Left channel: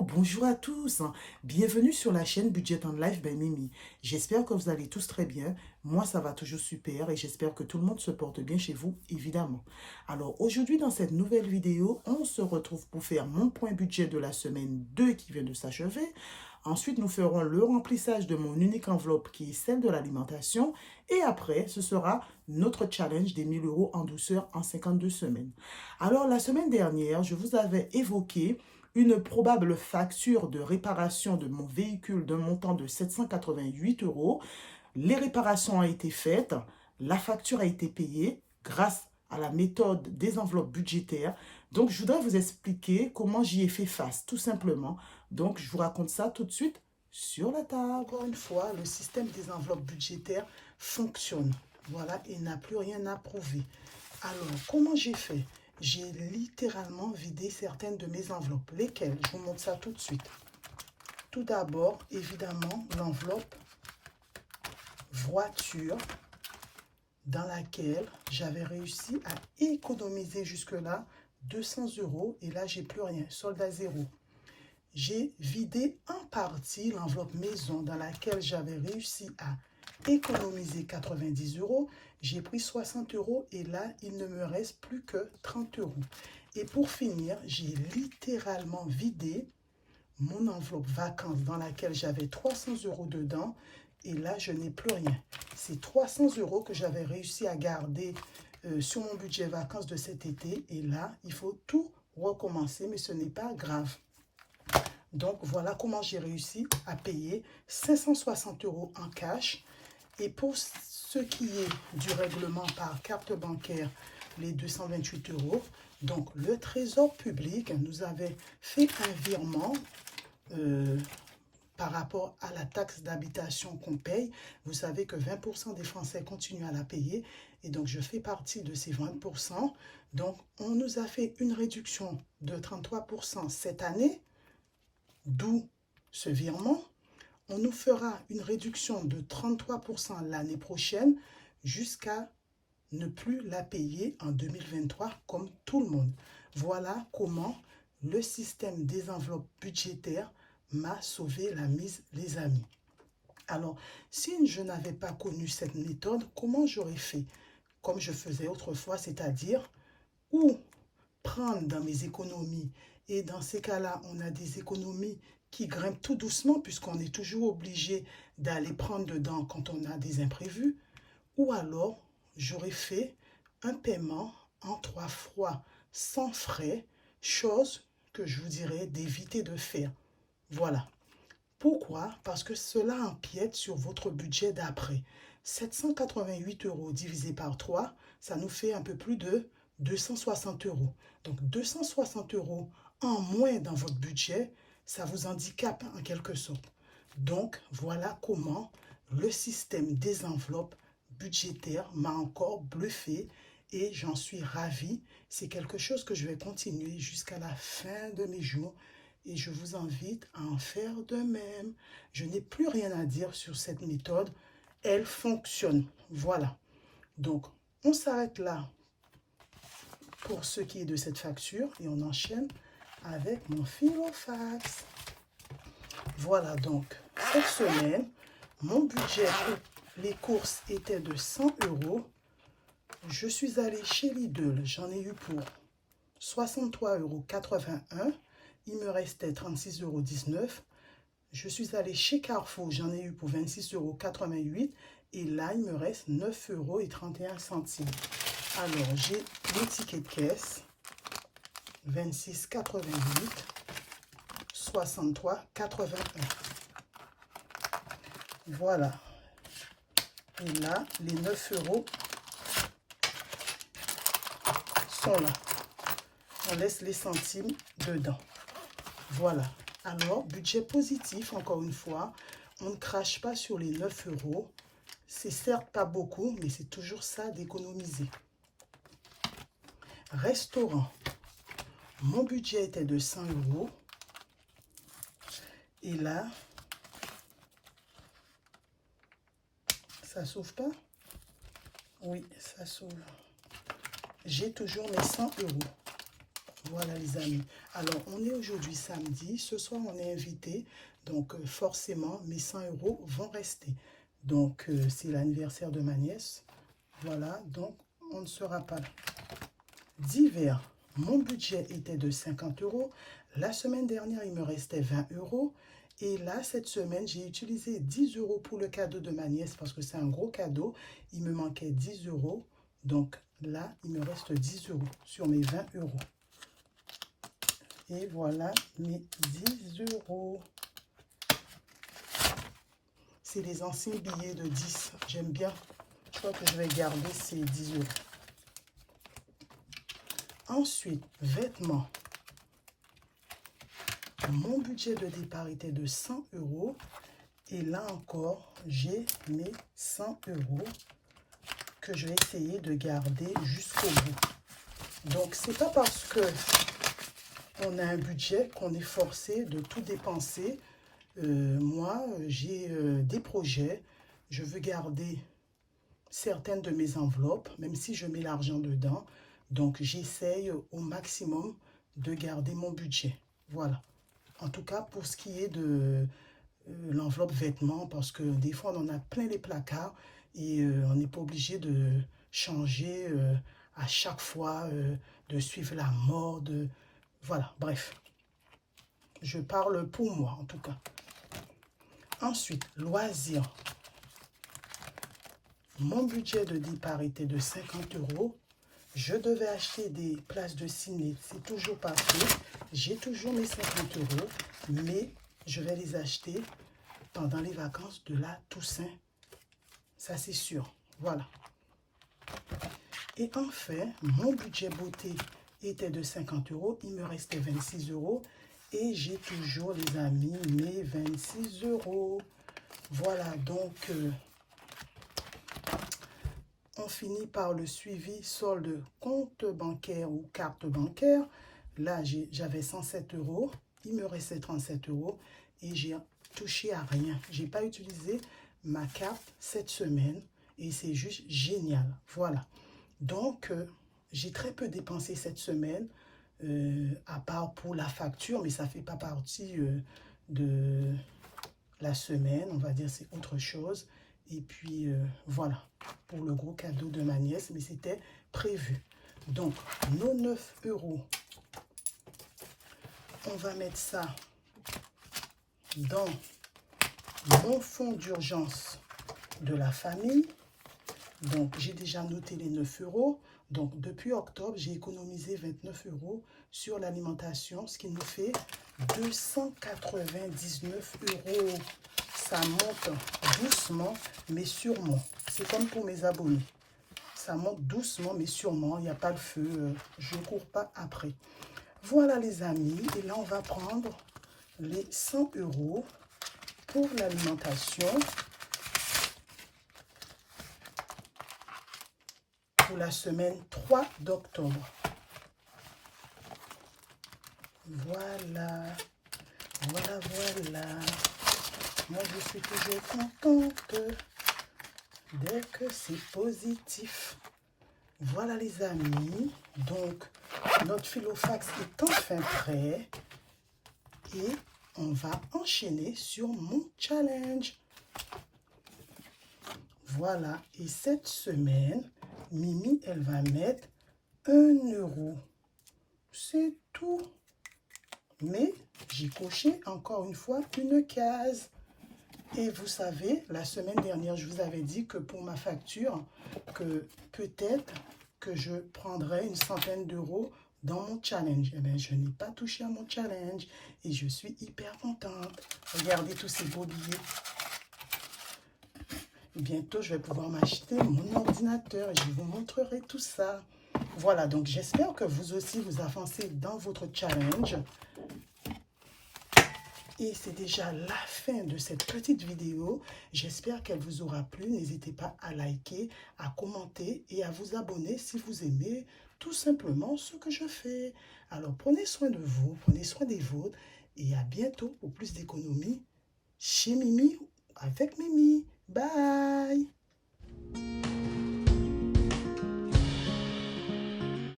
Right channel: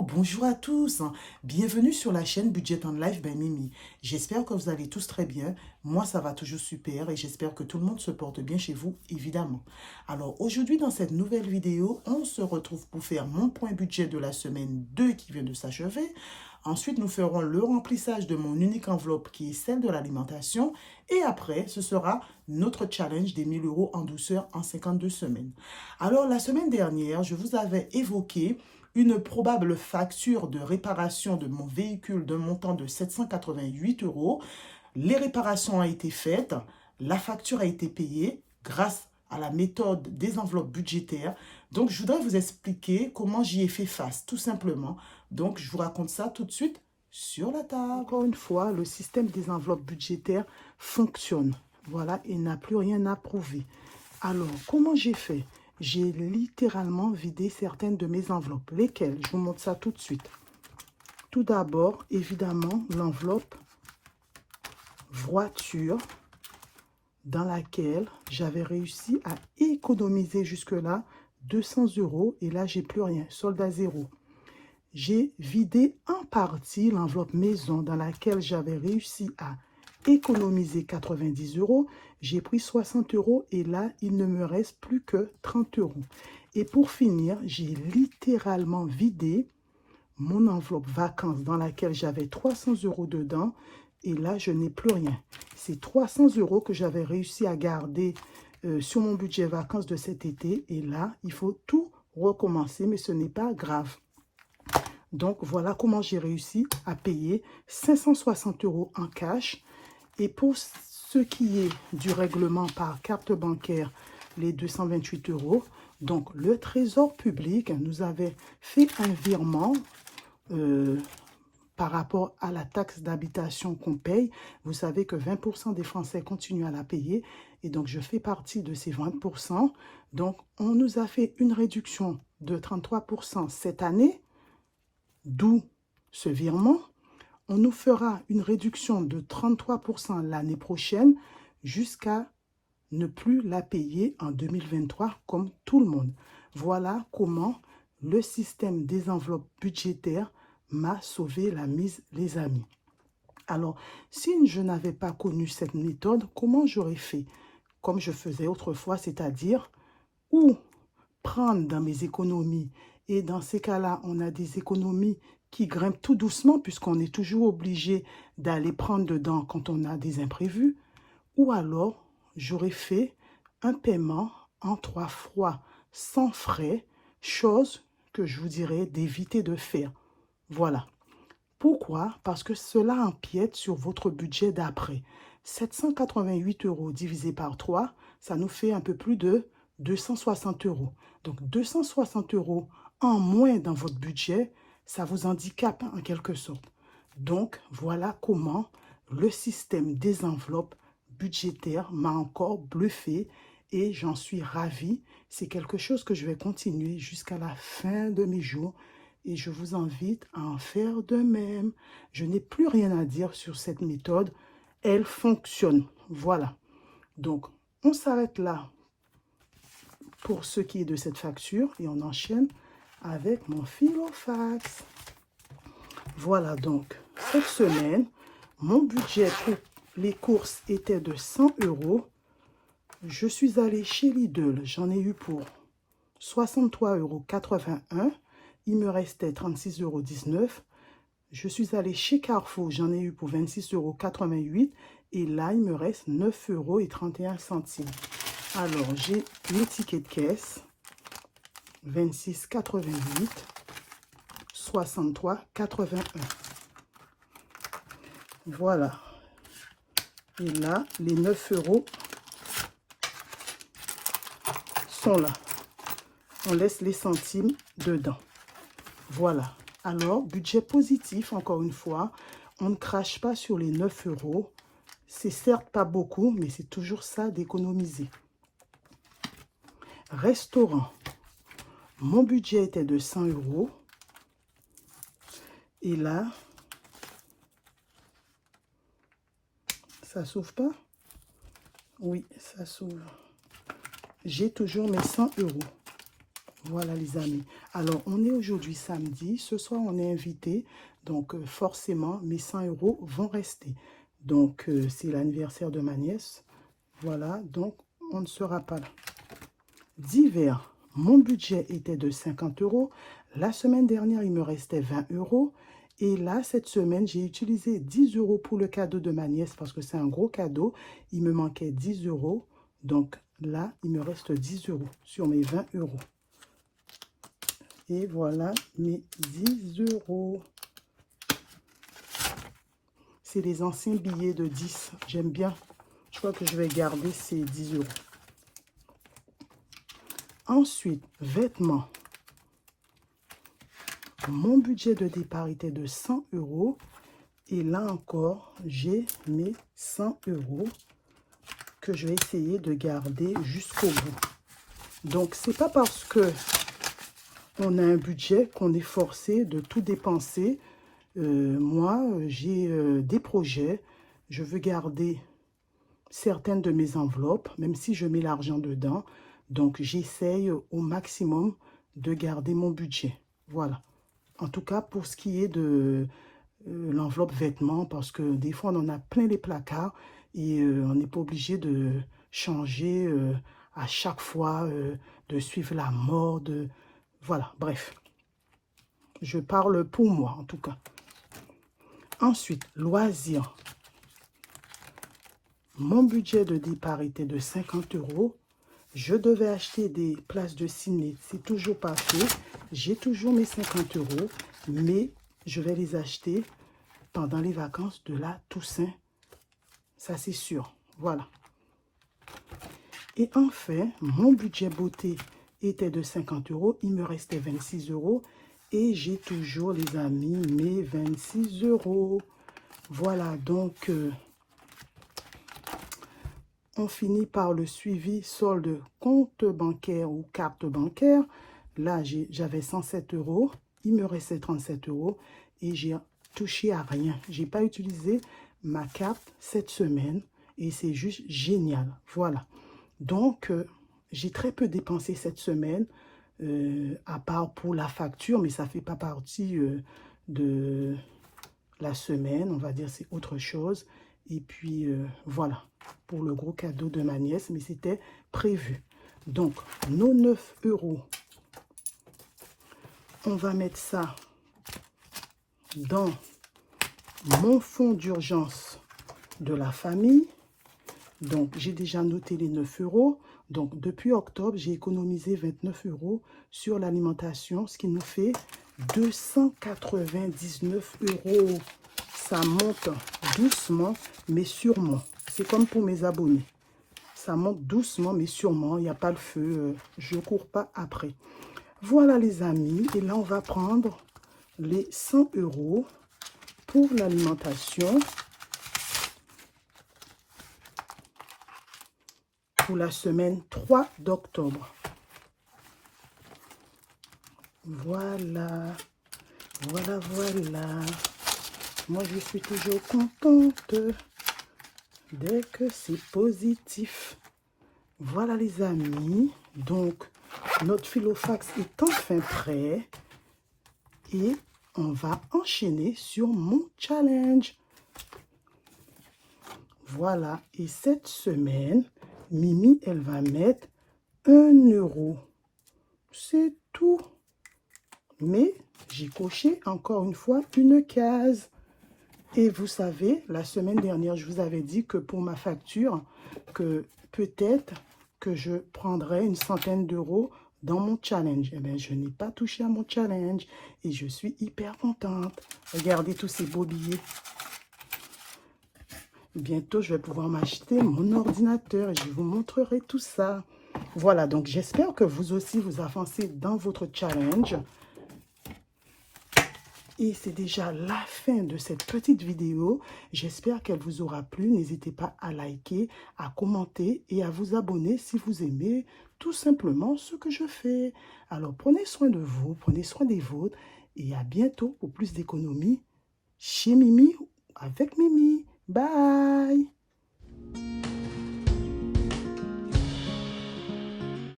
Hello, bonjour à tous. Bienvenue sur la chaîne Budget and Life by Mimi. J'espère que vous allez tous très bien. Moi, ça va toujours super et j'espère que tout le monde se porte bien chez vous, évidemment. Alors, aujourd'hui, dans cette nouvelle vidéo, on se retrouve pour faire mon point budget de la semaine 2 qui vient de s'achever. Ensuite, nous ferons le remplissage de mon unique enveloppe qui est celle de l'alimentation. Et après, ce sera notre challenge des 1000 euros en douceur en 52 semaines. Alors, la semaine dernière, je vous avais évoqué une probable facture de réparation de mon véhicule d'un montant de 788 euros. Les réparations ont été faites, la facture a été payée grâce à la méthode des enveloppes budgétaires. Donc, je voudrais vous expliquer comment j'y ai fait face, tout simplement. Donc, je vous raconte ça tout de suite sur la table. Encore une fois, le système des enveloppes budgétaires fonctionne. Voilà, il n'a plus rien à prouver. Alors, comment j'ai fait? J'ai littéralement vidé certaines de mes enveloppes. Lesquelles? Je vous montre ça tout de suite. Tout d'abord, évidemment, l'enveloppe voiture dans laquelle j'avais réussi à économiser jusque-là 200 euros. Et là, j'ai plus rien. Solde à zéro. J'ai vidé en partie l'enveloppe maison dans laquelle j'avais réussi à économiser 90 euros. J'ai pris 60 euros et là, il ne me reste plus que 30 euros. Et pour finir, j'ai littéralement vidé mon enveloppe vacances dans laquelle j'avais 300 euros dedans. Et là, je n'ai plus rien. C'est 300 euros que j'avais réussi à garder sur mon budget vacances de cet été. Et là, il faut tout recommencer, mais ce n'est pas grave. Donc, voilà comment j'ai réussi à payer 560 euros en cash. Et pour ce qui est du règlement par carte bancaire, les 228 euros, donc le Trésor public nous avait fait un virement par rapport à la taxe d'habitation qu'on paye. Vous savez que 20% des Français continuent à la payer. Et donc, je fais partie de ces 20%. Donc, on nous a fait une réduction de 33% cette année, d'où ce virement. On nous fera une réduction de 33% l'année prochaine jusqu'à ne plus la payer en 2023 comme tout le monde. Voilà comment le système des enveloppes budgétaires m'a sauvé la mise, les amis. Alors, si je n'avais pas connu cette méthode, comment j'aurais fait? Comme je faisais autrefois, c'est-à-dire ou prendre dans mes économies. Et dans ces cas-là, on a des économies qui grimpent tout doucement puisqu'on est toujours obligé d'aller prendre dedans quand on a des imprévus. Ou alors, j'aurais fait un paiement en 3 fois sans frais, chose que je vous dirais d'éviter de faire. Voilà. Pourquoi? Parce que cela empiète sur votre budget d'après. 788 euros divisé par 3, ça nous fait un peu plus de 260 euros. Donc 260 euros en moins dans votre budget, ça vous handicape en quelque sorte. Donc voilà comment le système des enveloppes budgétaires m'a encore bluffé et j'en suis ravie. C'est quelque chose que je vais continuer jusqu'à la fin de mes jours et je vous invite à en faire de même. Je n'ai plus rien à dire sur cette méthode. Elle fonctionne. Voilà. Donc, on s'arrête là pour ce qui est de cette facture et on enchaîne avec mon filofax. Voilà donc, cette semaine, mon budget pour les courses était de 100 euros. Je suis allée chez Lidl, j'en ai eu pour 63,81 €. Il me restait 36,19 €. Je suis allée chez Carrefour, j'en ai eu pour 26,88 € et là, il me reste 9,31 €. Alors, j'ai le ticket de caisse, 26,88 €, 63,81 €. Voilà. Et là, les 9 € sont là. On laisse les centimes dedans. Voilà. Alors, budget positif, encore une fois. On ne crache pas sur les 9 €. C'est certes pas beaucoup, mais c'est toujours ça d'économiser. Restaurant. Mon budget était de 100 €. Et là, ça s'ouvre pas? Oui, ça s'ouvre. J'ai toujours mes 100 €. Voilà les amis. Alors, on est aujourd'hui samedi. Ce soir, on est invité. Donc, forcément, mes 100 € vont rester. Donc, c'est l'anniversaire de ma nièce. Voilà, donc, on ne sera pas là. Divers. Mon budget était de 50 €. La semaine dernière, il me restait 20 €. Et là, cette semaine, j'ai utilisé 10 € pour le cadeau de ma nièce parce que c'est un gros cadeau. Il me manquait 10 €. Donc là, il me reste 10 € sur mes 20 €. Et voilà mes 10 €. C'est les anciens billets de 10. J'aime bien. Je crois que je vais garder ces 10 €. Ensuite, vêtements. Mon budget de départ était de 100 €. Et là encore, j'ai mes 100 € que je vais essayer de garder jusqu'au bout. Donc, c'est pas parce que on a un budget qu'on est forcé de tout dépenser. Moi, j'ai des projets. Je veux garder certaines de mes enveloppes, même si je mets l'argent dedans. Donc, j'essaye au maximum de garder mon budget. Voilà. En tout cas, pour ce qui est de l'enveloppe vêtements, parce que des fois, on en a plein les placards et on n'est pas obligé de changer à chaque fois, de suivre la mode. Voilà, bref. Je parle pour moi, en tout cas. Ensuite, loisirs. Mon budget de départ était de 50 €. Je devais acheter des places de ciné. C'est toujours pas fait. J'ai toujours mes 50 €, mais je vais les acheter pendant les vacances de la Toussaint. Ça, c'est sûr. Voilà. Et enfin, mon budget beauté était de 50 €. Il me restait 26 €. Et j'ai toujours, les amis, mes 26 €. Voilà, donc, on finit par le suivi solde compte bancaire ou carte bancaire. Là, j'avais 107 €. Il me restait 37 €. Et j'ai touché à rien. Je n'ai pas utilisé ma carte cette semaine. Et c'est juste génial. Voilà. Donc, j'ai très peu dépensé cette semaine, à part pour la facture, mais ça ne fait pas partie de la semaine. On va dire c'est autre chose. Et puis, voilà, pour le gros cadeau de ma nièce, mais c'était prévu. Donc, nos 9 €, on va mettre ça dans mon fonds d'urgence de la famille. Donc, j'ai déjà noté les 9 €. Donc, depuis octobre, j'ai économisé 29 € sur l'alimentation, ce qui nous fait 299 €. Ça monte doucement, mais sûrement. C'est comme pour mes abonnés. Ça monte doucement, mais sûrement. Il n'y a pas de feu. Je ne cours pas après. Voilà, les amis. Et là, on va prendre les 100 € pour l'alimentation. Pour la semaine 3 d'octobre. Voilà. Voilà, voilà. Moi, je suis toujours contente dès que c'est positif. Voilà, les amis. Donc, notre filofax est enfin prêt. Et on va enchaîner sur mon challenge. Voilà. Et cette semaine, Mimi, elle va mettre 1 €. C'est tout. Mais j'ai coché encore une fois une case. Et vous savez, la semaine dernière, je vous avais dit que pour ma facture, que peut-être que je prendrais une centaine d'euros dans mon challenge. Eh bien, je n'ai pas touché à mon challenge et je suis hyper contente. Regardez tous ces beaux billets. Bientôt, je vais pouvoir m'acheter mon ordinateur et je vous montrerai tout ça. Voilà, donc j'espère que vous aussi, vous avancez dans votre challenge. Et c'est déjà la fin de cette petite vidéo. J'espère qu'elle vous aura plu. N'hésitez pas à liker, à commenter et à vous abonner si vous aimez tout simplement ce que je fais. Alors, prenez soin de vous, prenez soin des vôtres et à bientôt pour plus d'économies chez Mimi avec Mimi. Bye!